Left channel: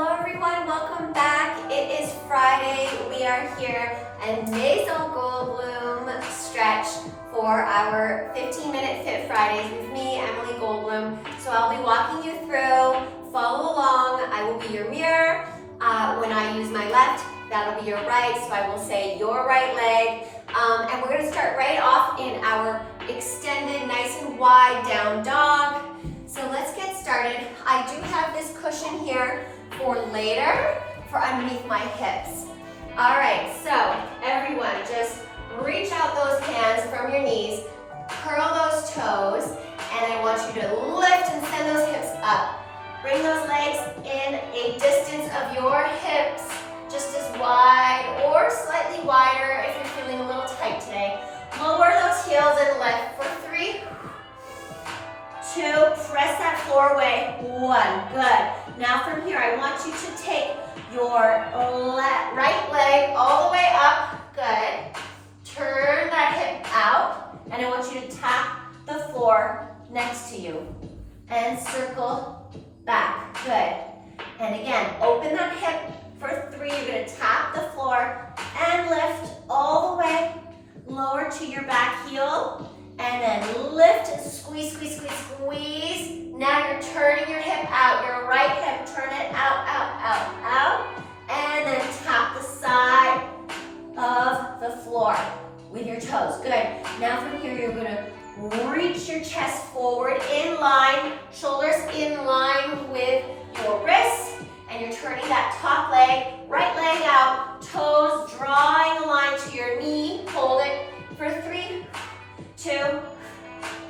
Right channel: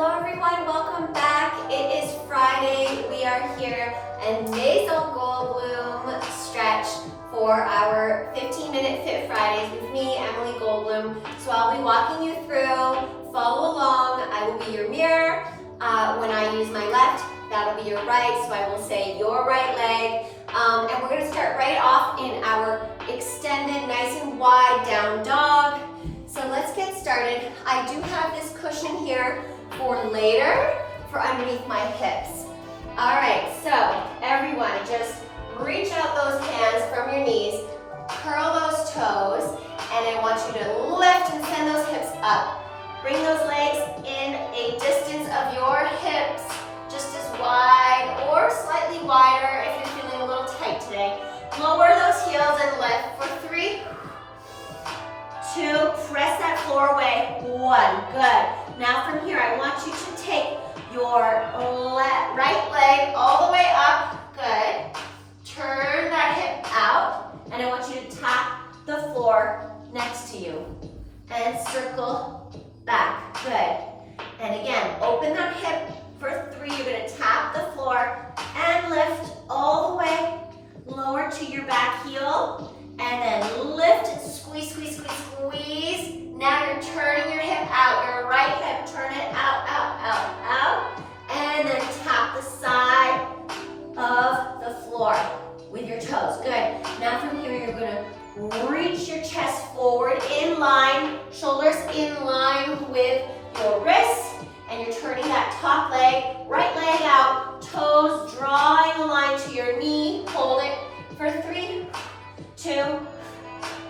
Hello everyone, welcome back. It is Friday. We are here and Maison Goldblum stretch for our 15-minute Fit Fridays with me, Emily Goldblum. So I'll be walking you through. Follow along. I will be your mirror. When I use my left, that'll be your right. So I will say your right leg. And we're going to start right off in our extended, nice and wide down dog. So let's get started. I do have this cushion here for later, for underneath my hips. All right, so everyone just reach out those hands from your knees, curl those toes, and I want you to lift and send those hips up. Bring those legs in a distance of your hips, just as wide or slightly wider if you're feeling a little tight today. Lower those heels and lift for 3, 2, press that floor away, 1, good. Now from here, I want you to take your right leg all the way up, good. Turn that hip out, and I want you to tap the floor next to you. And circle back, good. And again, open that hip for 3, you're gonna tap the floor and lift all the way, lower to your back heel, and then lift, squeeze, squeeze, squeeze, squeeze. Now you're turning your hip out, your right hip, turn it out, out, out, out. And then tap the side of the floor with your toes. Good. Now from here, you're gonna reach your chest forward in line, shoulders in line with your wrists. And you're turning that top leg, right leg out, toes drawing a line to your knee. Hold it for 3, 2,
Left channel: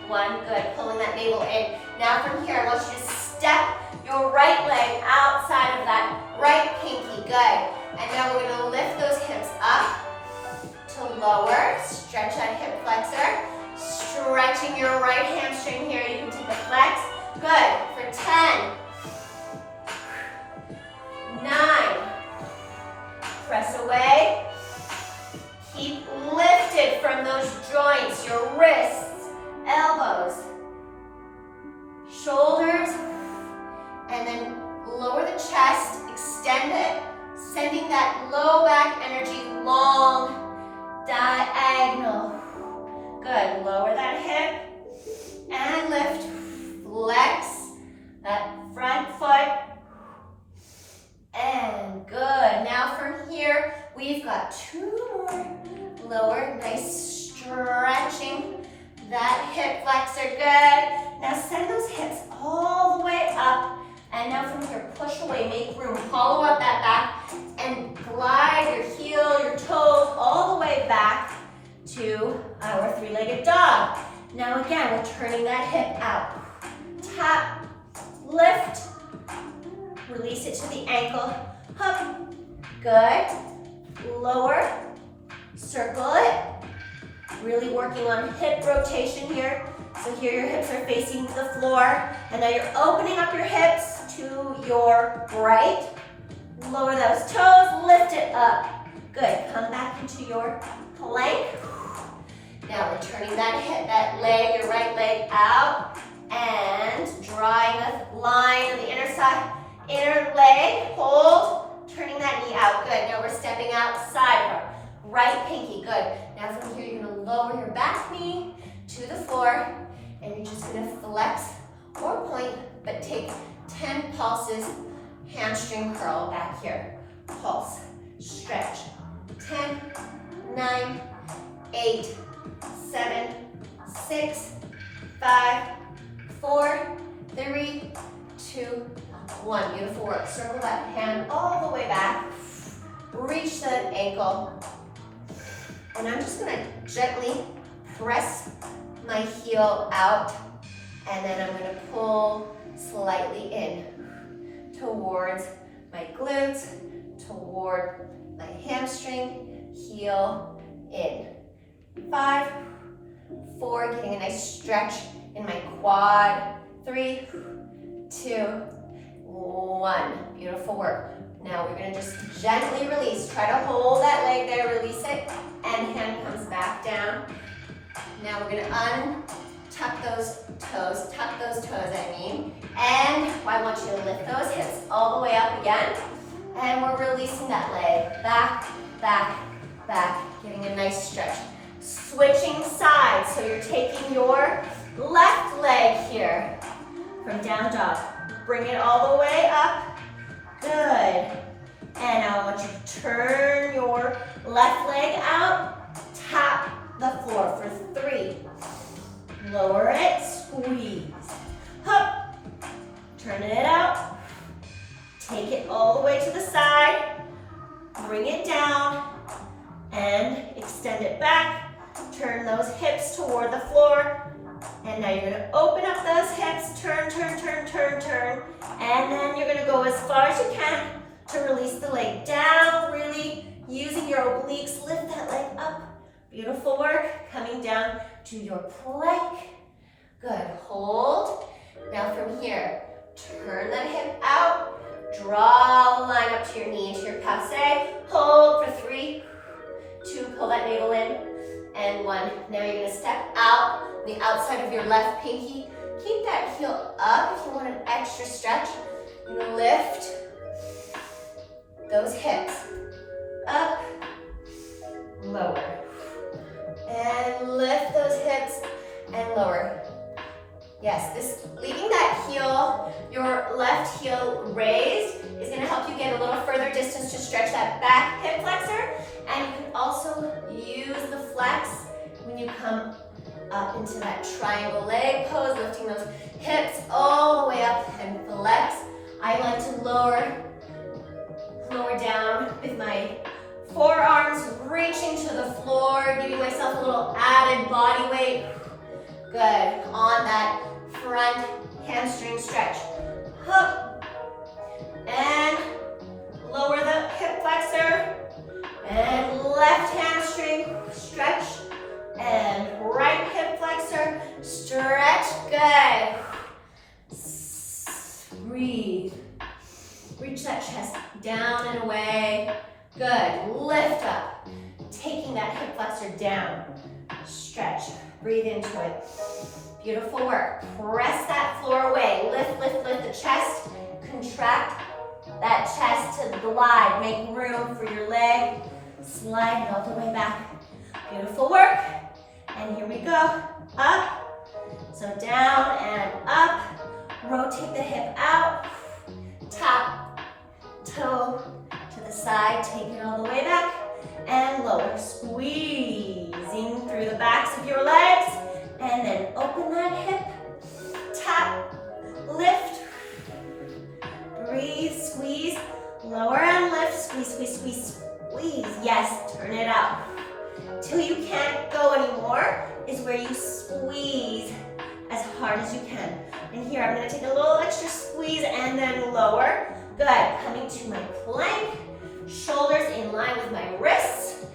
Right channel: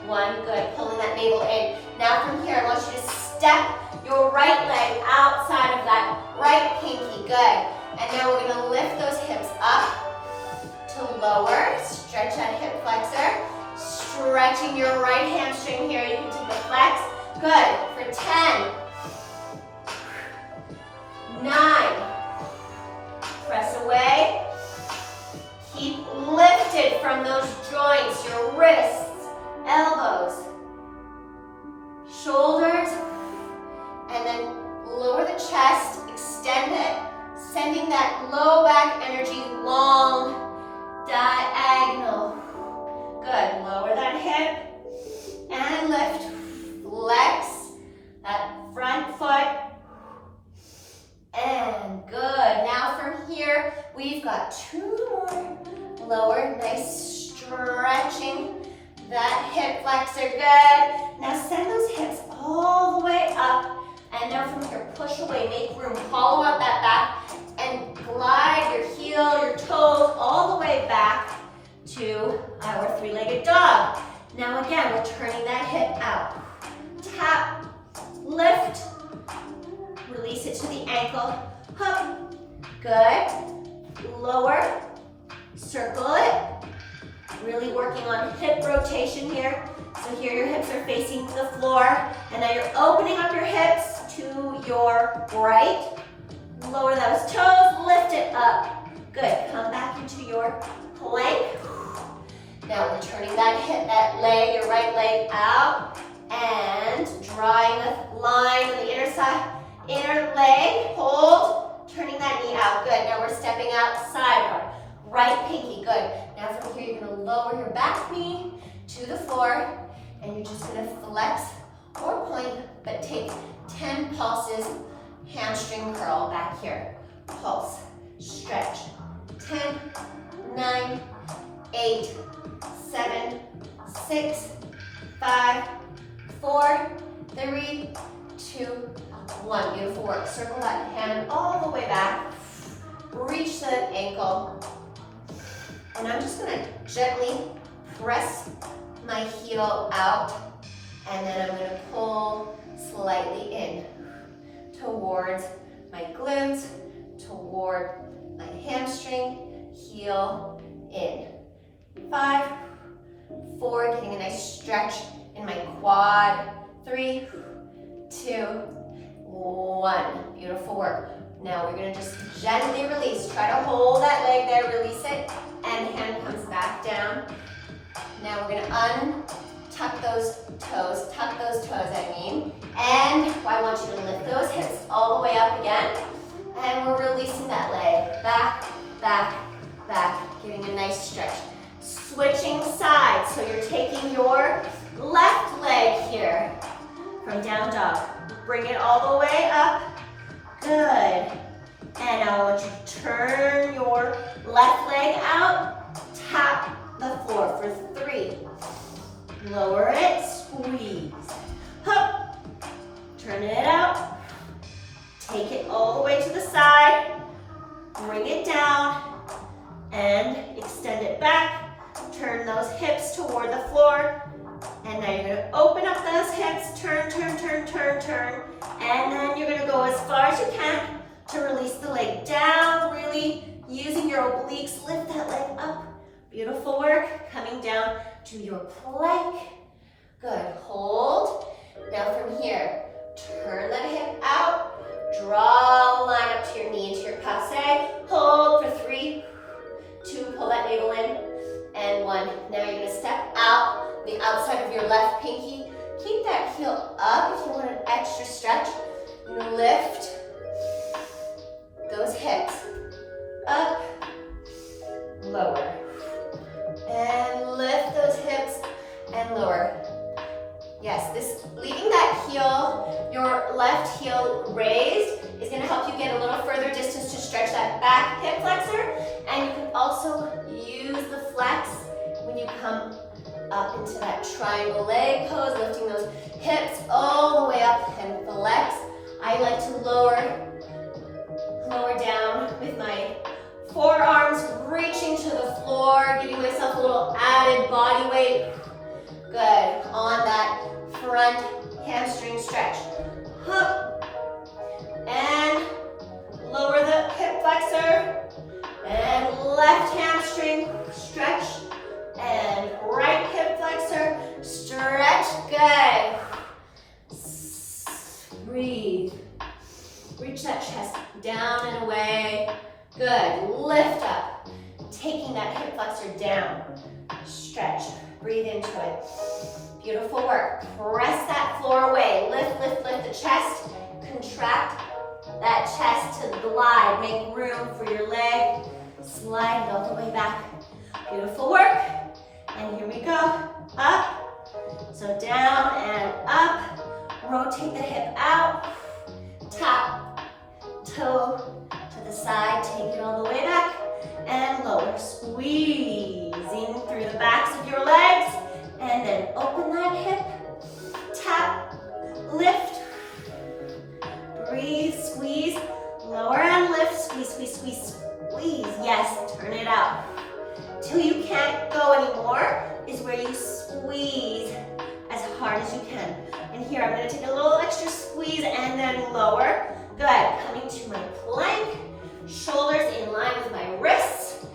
1, good. Pulling that navel in. Now from here, I want you to step your right leg outside of that right pinky, good. And now we're gonna lift those hips up to lower, stretch that hip flexor, stretching your right hamstring here, you can take a flex, good, for 10, 9, press away, keep lifted from those joints, your wrists, elbows, shoulders, and then lower the chest, extend it, sending that low back energy long, diagonal. Good, lower that hip, and lift, flex that front foot, and good. Now from here, we've got 2 more. Lower, nice stretching that hip flexor, good. Now send those hips all the way up, and now from here, push away, make room, hollow out that back, and glide your heel, your toes all the way back to our 3-legged dog. Now again, we're turning that hip out. Tap, lift, release it to the ankle, up, good. Lower, circle it. Really working on hip rotation here. So here your hips are facing the floor. And now you're opening up your hips to your right. Lower those toes, lift it up. Good, come back into your plank. Now we're turning that leg, your right leg out, and drawing a line on the inner side, inner leg, hold, turning that knee out, good. Now we're stepping outside of our right pinky, good. Now from here, you're gonna lower your back knee to the floor, and you're just gonna flex or point, but take 10 pulses, hamstring curl back here. Pulse, stretch, 10, 9, 8, 7, 6, 5, 4, 3, 2, 1. Beautiful work. Circle that hand all the way back. Reach the ankle. And I'm just gonna gently press my heel out, and then I'm gonna pull slightly in towards my glutes, toward my hamstring, heel in. 5, 4, getting a nice stretch in my quad. 3, 2, 1. Beautiful work. Now we're gonna just gently release. Try to hold that leg there, release it, and hand comes back down. Now we're gonna tuck those toes, I mean. And I want you to lift those hips all the way up again. And we're releasing that leg. Back, back, back. Getting a nice stretch. Switching sides. So you're taking your left leg here from down dog. Bring it all the way up. Good. And now I want you to turn your left leg out. Tap the floor for 3. Lower it, squeeze. Hup. Turn it out. Take it all the way to the side. Bring it down and extend it back. Turn those hips toward the floor. And now you're going to open up those hips. Turn, turn, turn, turn, turn. And then you're going to go as far as you can to release the leg down. Really using your obliques. Lift that leg up. Beautiful work. Coming down to your plank. Good. Hold. Now from here, turn that hip out. Draw the line up to your knee, into your passe. Hold for 3, 2, pull that navel in, and 1. Now you're gonna step out the outside of your left pinky. Keep that heel up if you want an extra stretch. Lift those hips. Up, lower. And lift those hips and lower. Yes, leaving that heel, your left heel raised, is going to help you get a little further distance to stretch that back hip flexor. And you can also use the flex when you come up into that triangle leg pose, lifting those hips all the way up and flex. I like to lower down with my forearms reaching to the floor, giving myself a little added body weight. Good. On that front hamstring stretch. Up. And lower the hip flexor. And left hamstring stretch. And right hip flexor stretch. Good. Breathe. Reach that chest down and away. Good. Lift up. Taking that hip flexor down. Stretch. Breathe into it. Beautiful work. Press that floor away. Lift, lift, lift the chest. Contract that chest to glide. Make room for your leg. Slide it all the way back. Beautiful work. And here we go. Up. So down and up. Rotate the hip out. Tap. Toe to the side. Take it all the way back. And lower. Squeezing through the backs of your legs. And then open that hip. Tap. Lift. Breathe. Squeeze. Lower and lift. Squeeze, squeeze, squeeze, squeeze. Yes. Turn it out. Till you can't go anymore is where you squeeze as hard as you can. And here I'm going to take a little extra squeeze and then lower. Good. Coming to my plank. Shoulders in line with my wrists.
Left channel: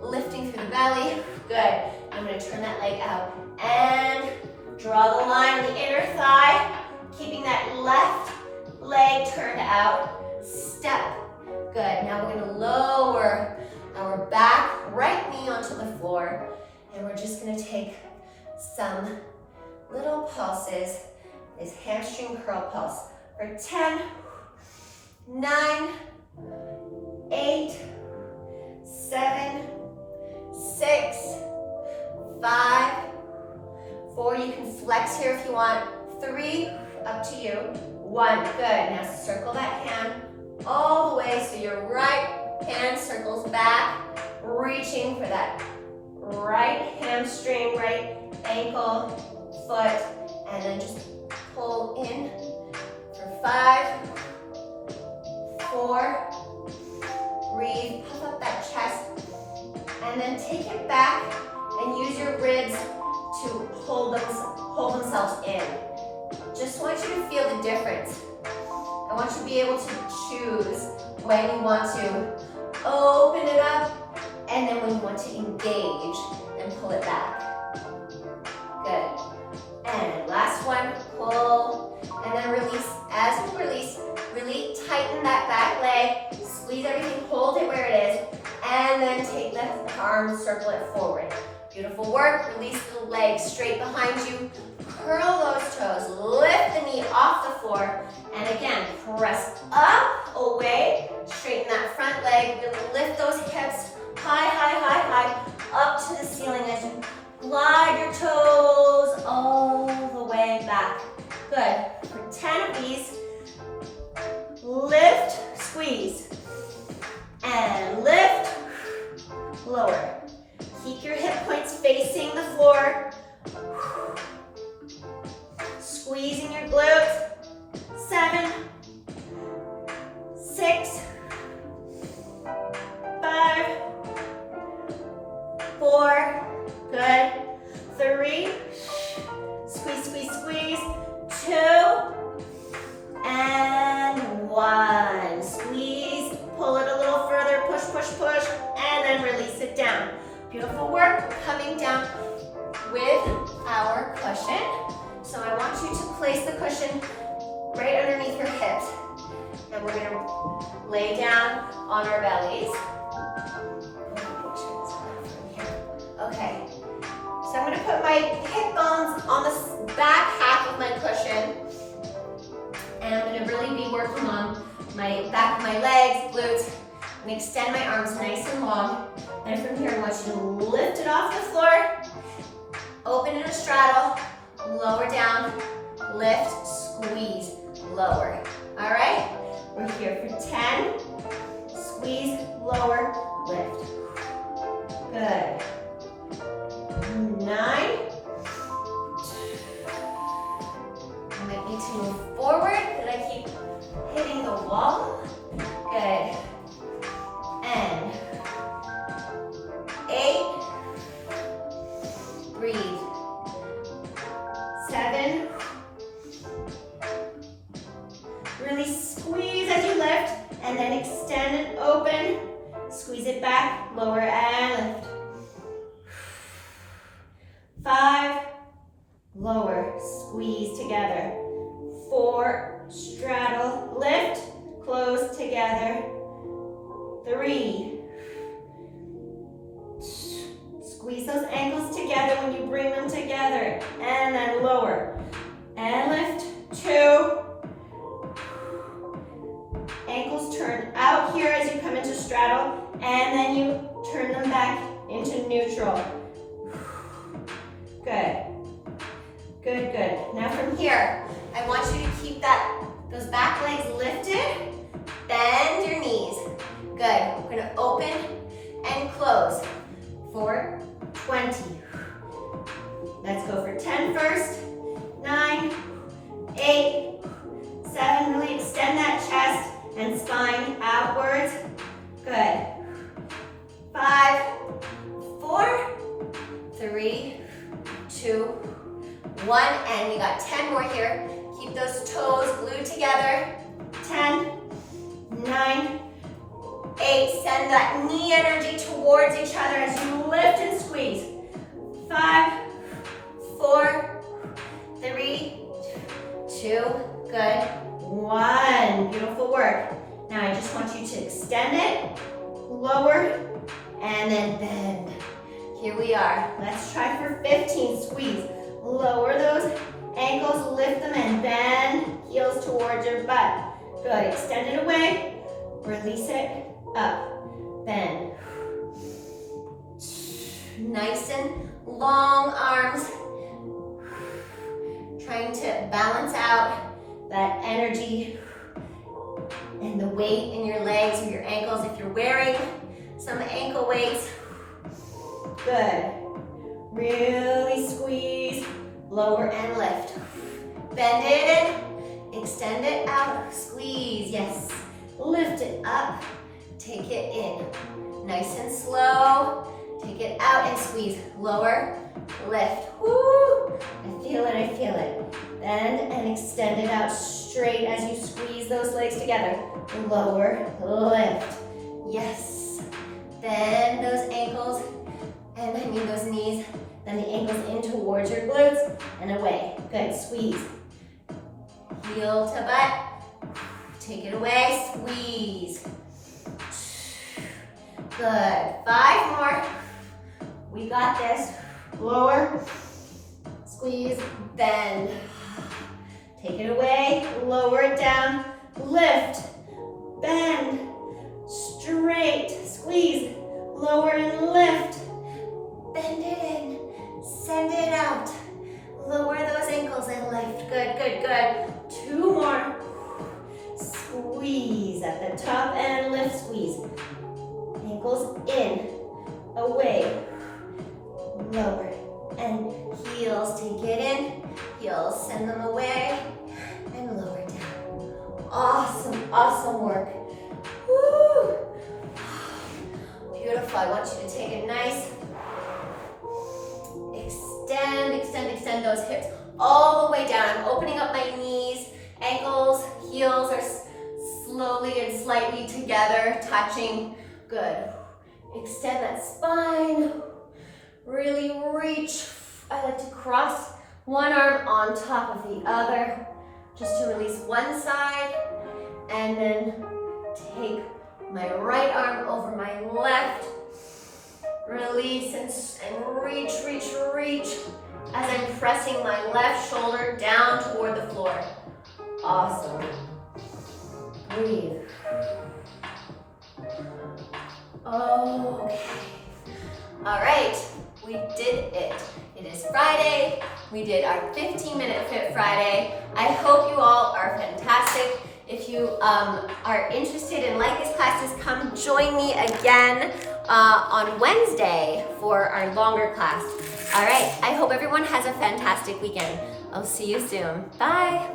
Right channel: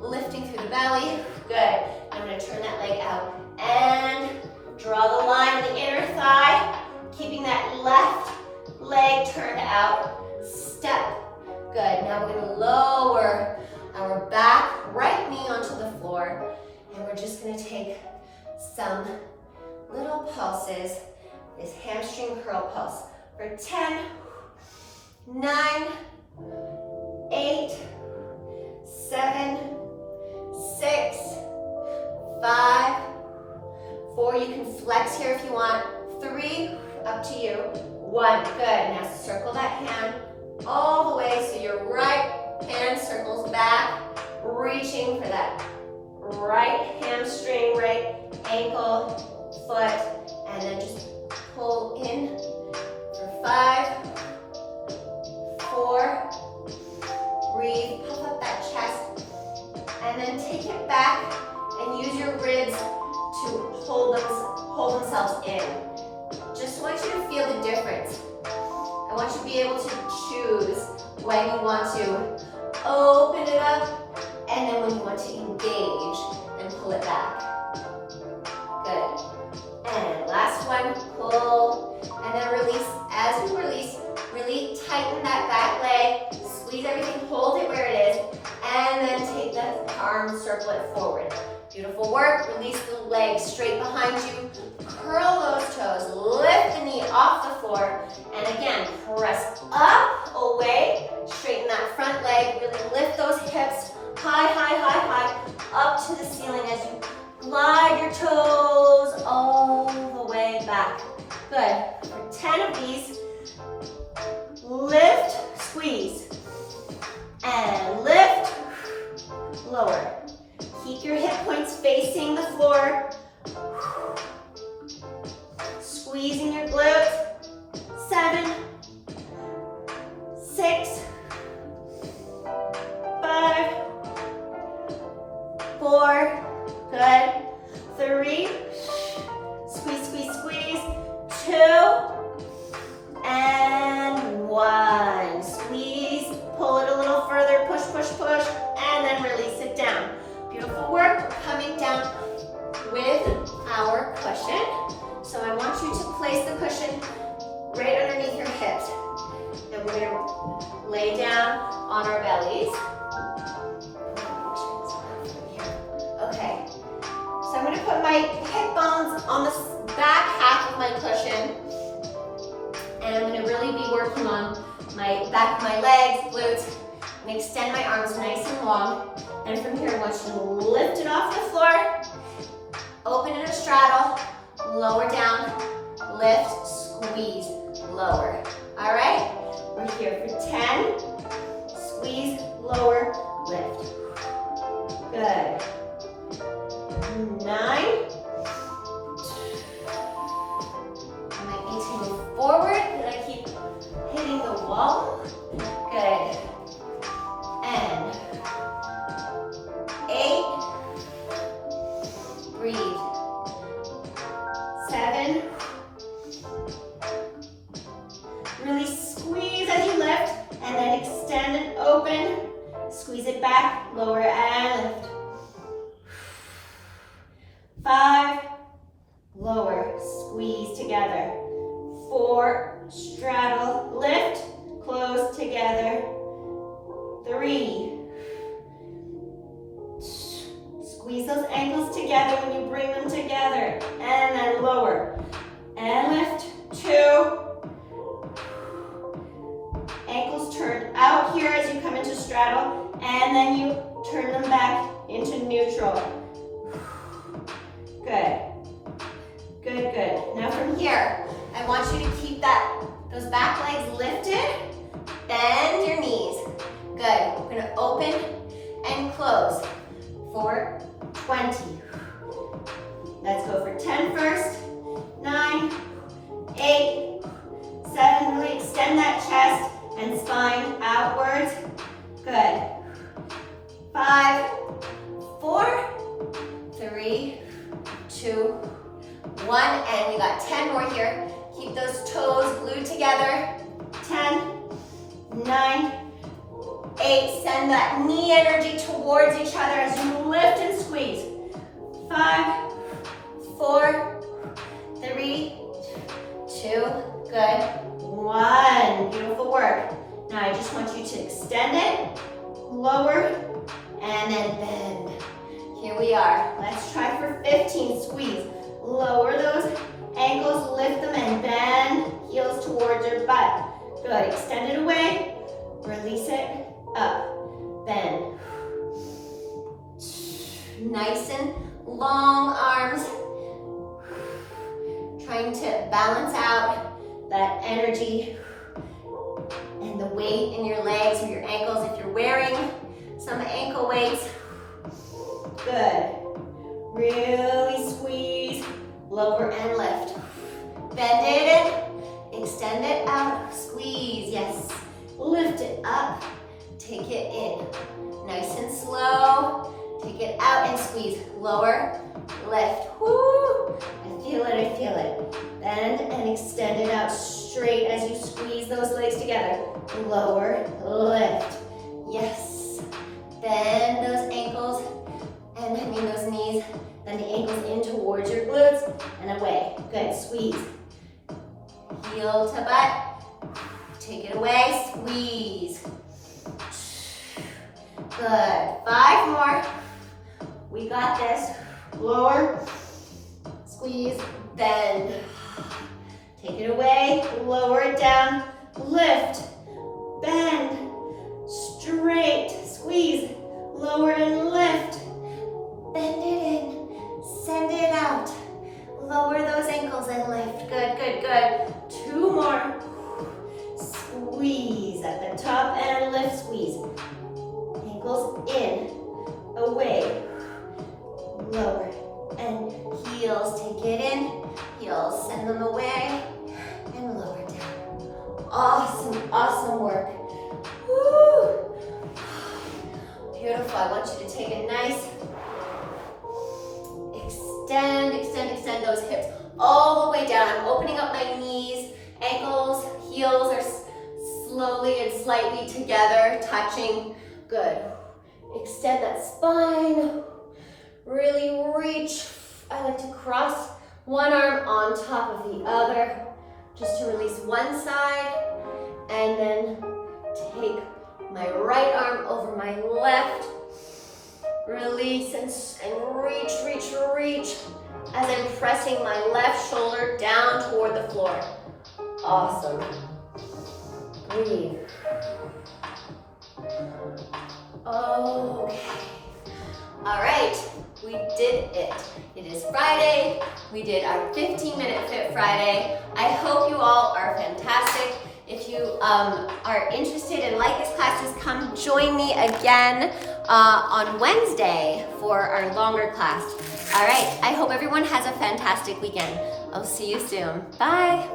Lifting through the belly. Good. I'm going to turn that leg out. And draw the line in the inner thigh. Keeping that left leg turned out. Step. Good. Now we're going to lower our back right knee onto the floor. And we're just going to take some little pulses. This hamstring curl pulse for 10, 9, 8, 7, 6, 5, 4. You can flex here if you want. 3, up to you. 1, good. Now circle that hand all the way so your right hand circles back, reaching for that right hamstring, right ankle, foot, and then just pull in for 5, 4, breathe, puff up that chest, and then take it back and use your ribs to hold themselves in. Just want you to feel the difference. I want you to be able to choose when you want to open it up and then when you want to engage and pull it back. Good. And last one, pull and then release. As you release, really tighten that back leg, squeeze everything, hold it where it is, and then take the arm, circle it forward. Beautiful work. Release the legs straight behind you. Curl those toes. Lift the knee off the floor. And again, press up, away. Straighten that front leg. Really lift those hips high, high, high, high. Up to the ceiling as you glide your toes all the way back. Good. For 10 of these, lift, squeeze. And lift, lower. Keep your hip points facing the floor. Squeezing your glutes. 7, 6, 5, 4, good. 3, squeeze, squeeze, squeeze. 2, and 1. Squeeze, pull it a little further, push, push, push, and then release it down. Beautiful work. We're coming down with our cushion. So I want you to place the cushion right underneath your hips. And we're gonna lay down on our bellies. Okay. So I'm gonna put my hip bones on the back half of my cushion. And I'm gonna really be working on my back of my legs, glutes. I'm gonna extend my arms nice and long. And from here, I want you to lift it off the floor. Open in a straddle. Lower down. Lift, squeeze, lower. All right? We're here for 10. Squeeze, lower, lift. Good. 9. I might need to move forward, but I keep hitting the wall. Good. And 8. Breathe. 7. Really squeeze as you lift, and then extend and open. Squeeze it back, lower and lift. 5, lower, squeeze together. 4, straddle, lift, close together. 3, squeeze those ankles together when you bring them together. And then lower. And lift. 2. Ankles turn out here as you come into straddle. And then you turn them back into neutral. Good. Good, good. Now from here, I want you to keep those back legs lifted. Bend your knees. Good. We're going to open and close for 20. Let's go for 10 first. 9, 8, 7. Really extend that chest and spine outwards. Good. 5, 4, 3, 2, 1. And you got 10 more here. Keep those toes glued together. 10, 9, 8. Send that knee energy towards each other as you lift and squeeze. 5, 4, 3, 2, good. 1. Beautiful work. Now I just want you to extend it, lower, and then bend. Here we are. Let's try for 15. Squeeze. Lower those ankles, lift them, and bend. Heels towards your butt. Good. Extend it away. Release it. Up. Bend. Nice and long arms. Trying to balance out that energy and the weight in your legs or your ankles if you're wearing some ankle weights. Good. Really squeeze, lower and lift. Bend it in, extend it out, squeeze, yes. Lift it up, take it in. Nice and slow, take it out and squeeze. Lower, lift, woo. I feel it, I feel it. Bend and extend it out straight as you squeeze those legs together. Lower, lift, yes. Bend those ankles, and those knees, then the ankles in towards your glutes, and away. Good, squeeze. Heel to butt, take it away, squeeze. Good, 5 more. We got this. lower, squeeze, bend. Take it away, lower it down, lift, bend, straight, squeeze, lower and lift, bend it in, send it out, lower those ankles and lift, good, good, good. 2 more, squeeze at the top and lift, squeeze, ankles in, away, lower, and heels, take it in, heels, send them away, and lower down. Awesome, awesome work. Woo. Beautiful, I want you to take it nice. Extend, extend, extend those hips all the way down. I'm opening up my knees, ankles, heels are slowly and slightly together, touching. Good. Extend that spine. Really reach. I like to cross one arm on top of the other, just to release one side, and then take my right arm over my left. Release and reach, reach, reach as I'm pressing my left shoulder down toward the floor. Awesome. Breathe. Okay. All right, we did it. It is Friday. We did our 15-minute Fit Friday. I hope you all are fantastic. If you are interested and like these classes, come join me again on Wednesday for our longer class. All right, I hope everyone has a fantastic weekend. I'll see you soon. Bye.